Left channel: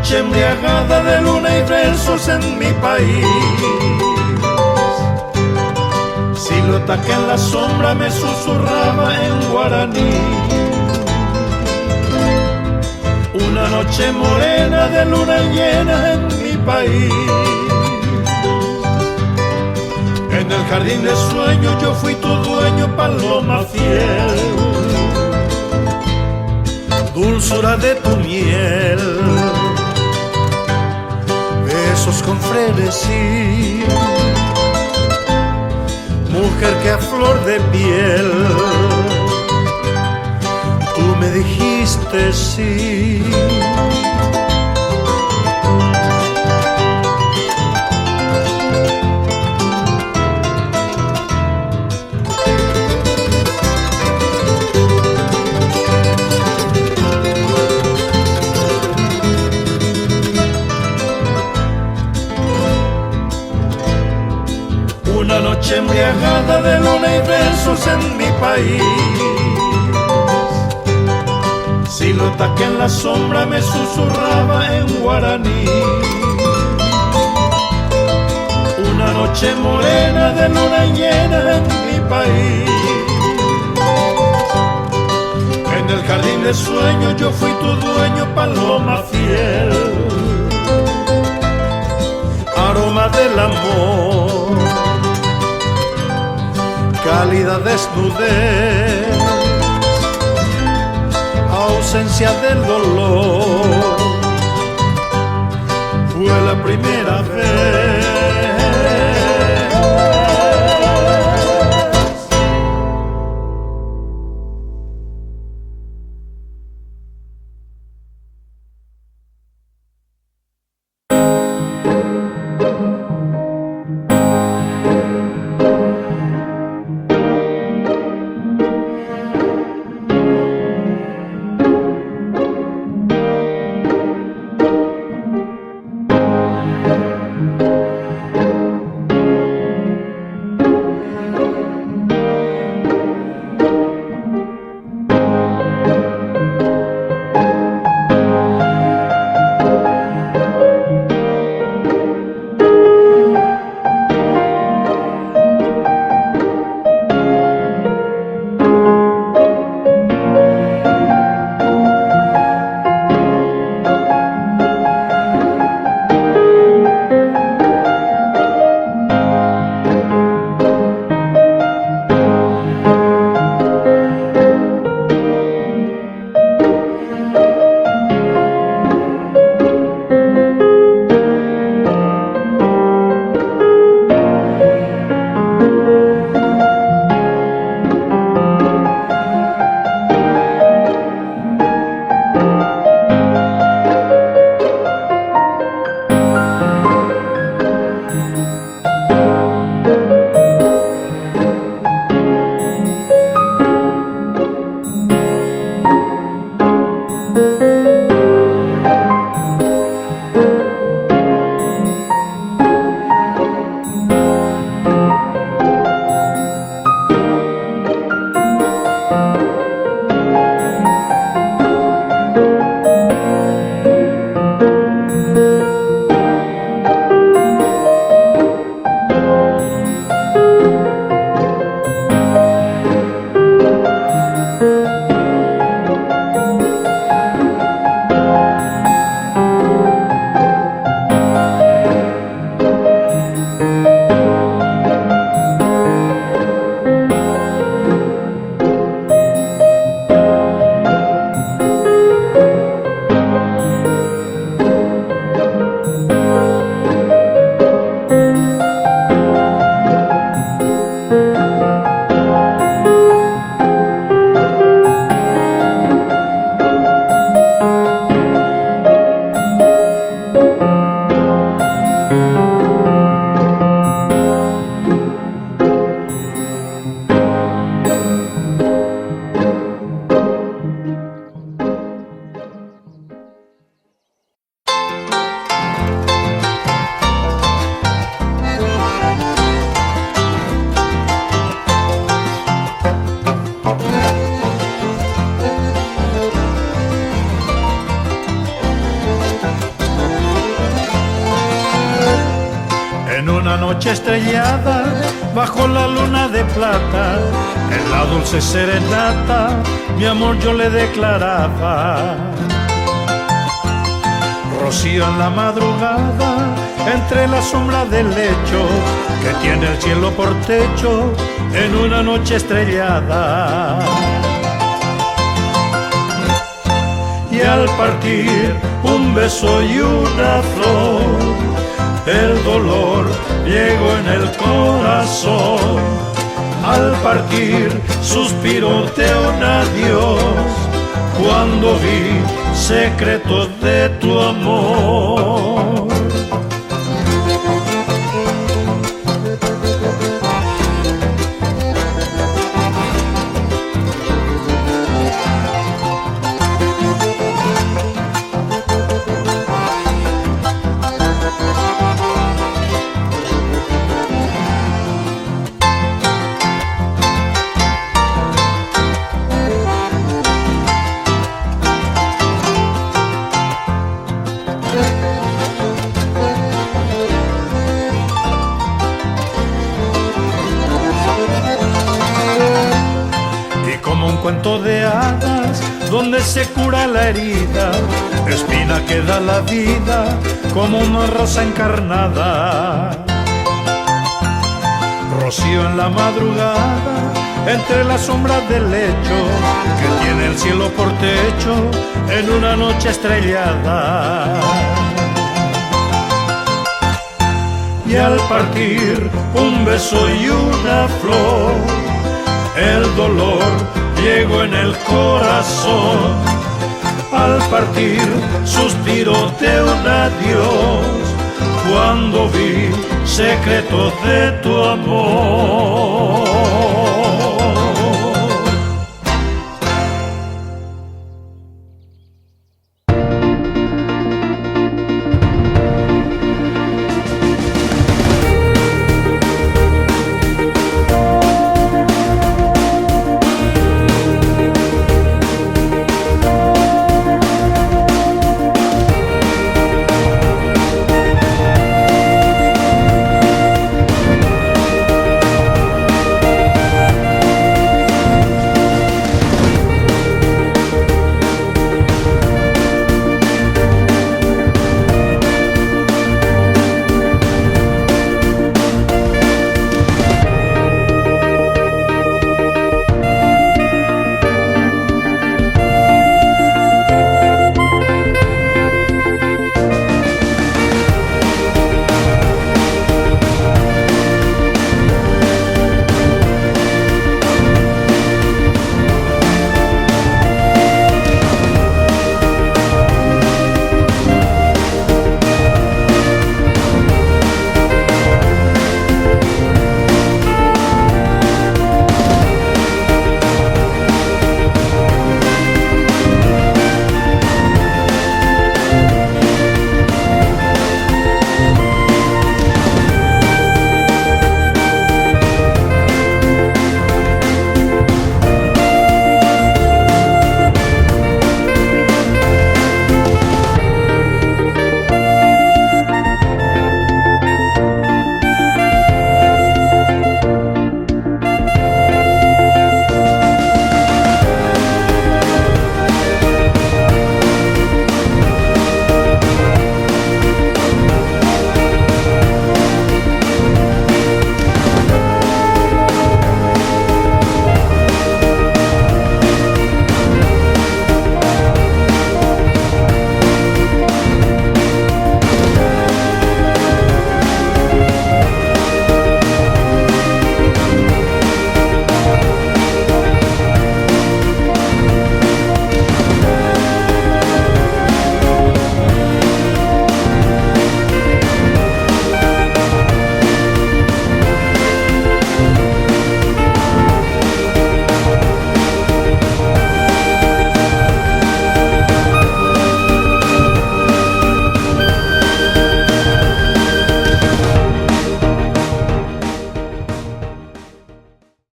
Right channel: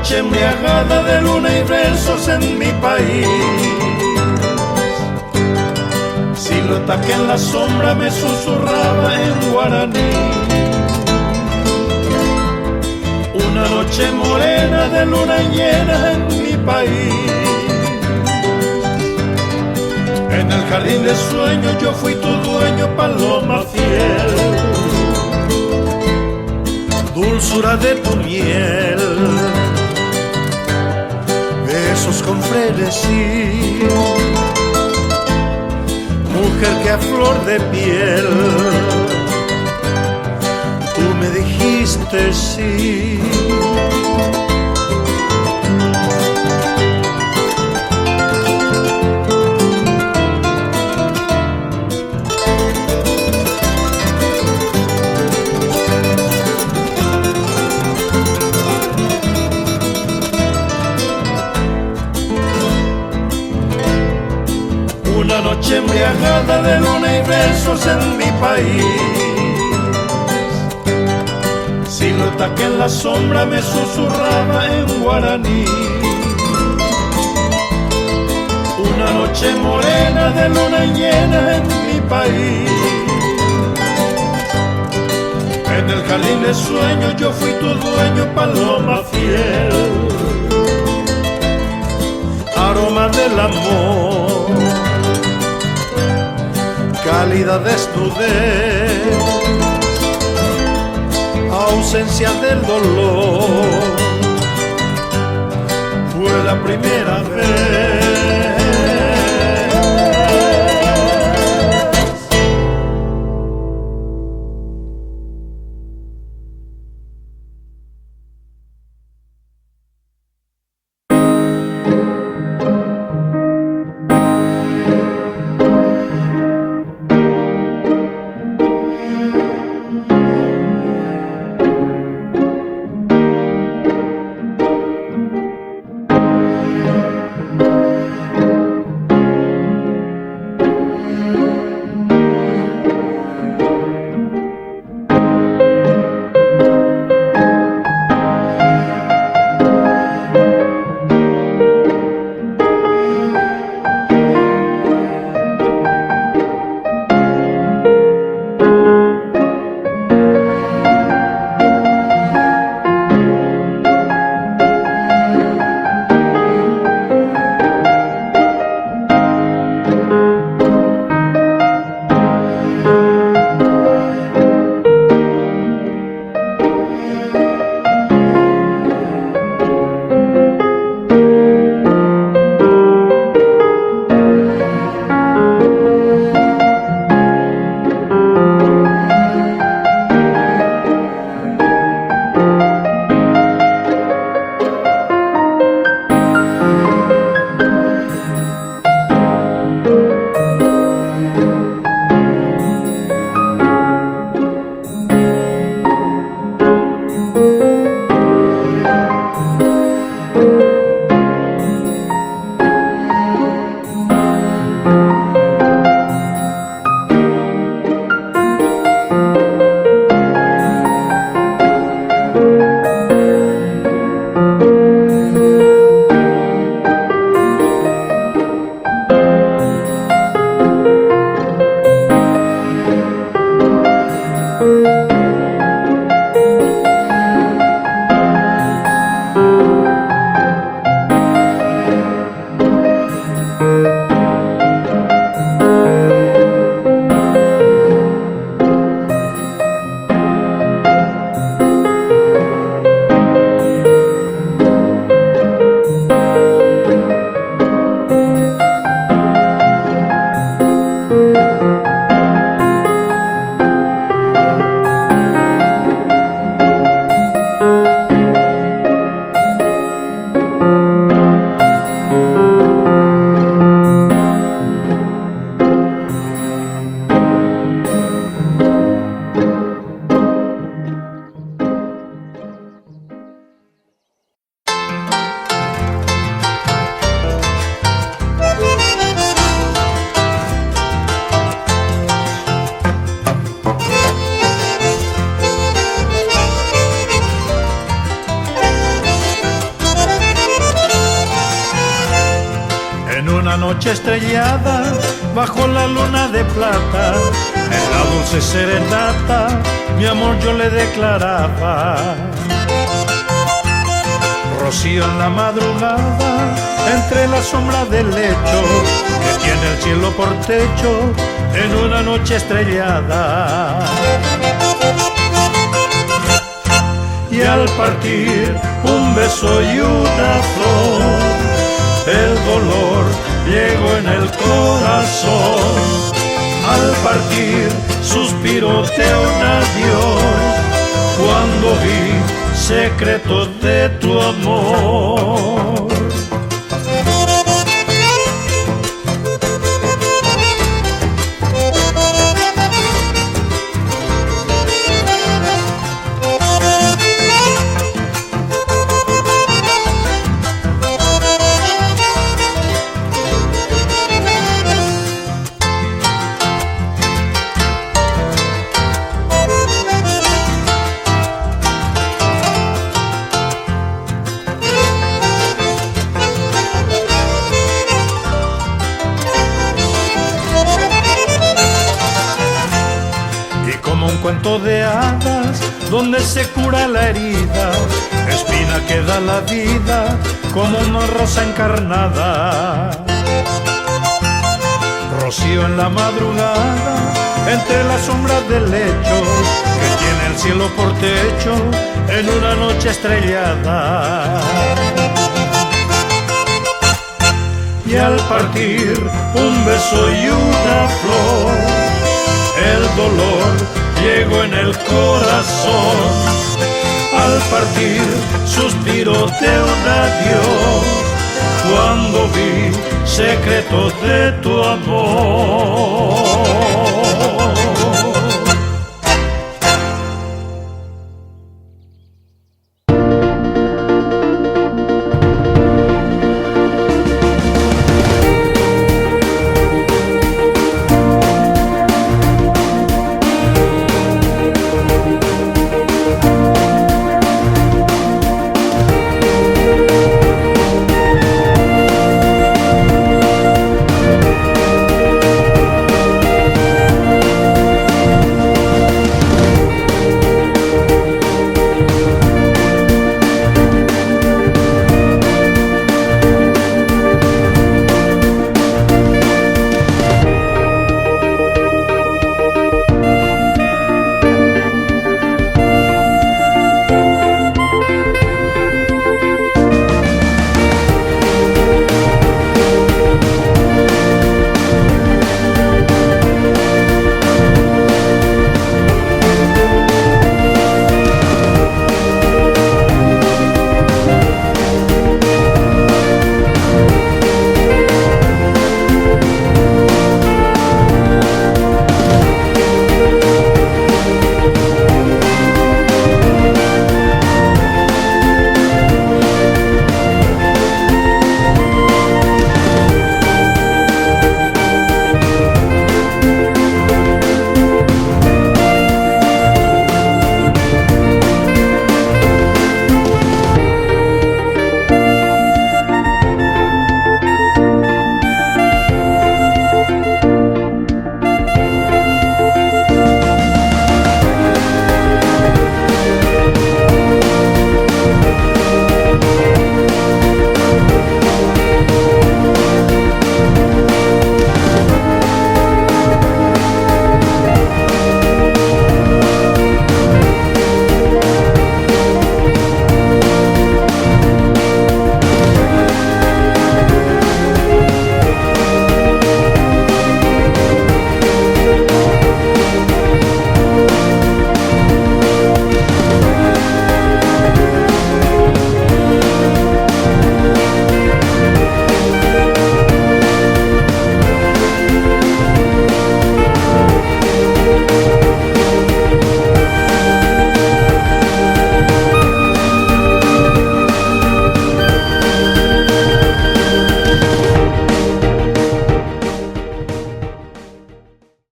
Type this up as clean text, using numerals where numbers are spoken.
noche embriagada de luna y versos en mi país, silueta que en la sombra me susurraba en guaraní. Una noche morena de luna llena en mi país, en el jardín de sueños yo fui tu dueño, paloma fiel. Dulzura de tu miel, besos con frenesí, mujer que a flor de piel tú me dijiste sí. Una noche embriagada de luna y versos en mi país, silueta que en la sombra me susurraba en guaraní. Una noche morena de luna llena en mi país, en el jardín de sueños yo fui tu dueño, paloma fiel. Aroma del amor, cálida desnudez, ausencia del dolor, fue la primera vez. En una noche estrellada, bajo la luna de plata, en la dulce serenata, mi amor yo le declaraba. Rocío en la madrugada, entre la sombra del lecho, que tiene el cielo por techo, en una noche estrellada. Y al partir un beso y una flor, el dolor llegó en el corazón. Al partir suspiro de un adiós, cuando vi secretos de tu amor. Como un cuento de hadas, donde se cura la herida, espina que da la vida, como una rosa encarnada. Rocío en la madrugada, entre las sombras del lecho, que tiene el cielo por techo, en una noche estrellada. Y al partir un beso y una flor, el dolor llegó en el corazón. Al partir suspiro de un adiós, cuando vi secretos de tu amor.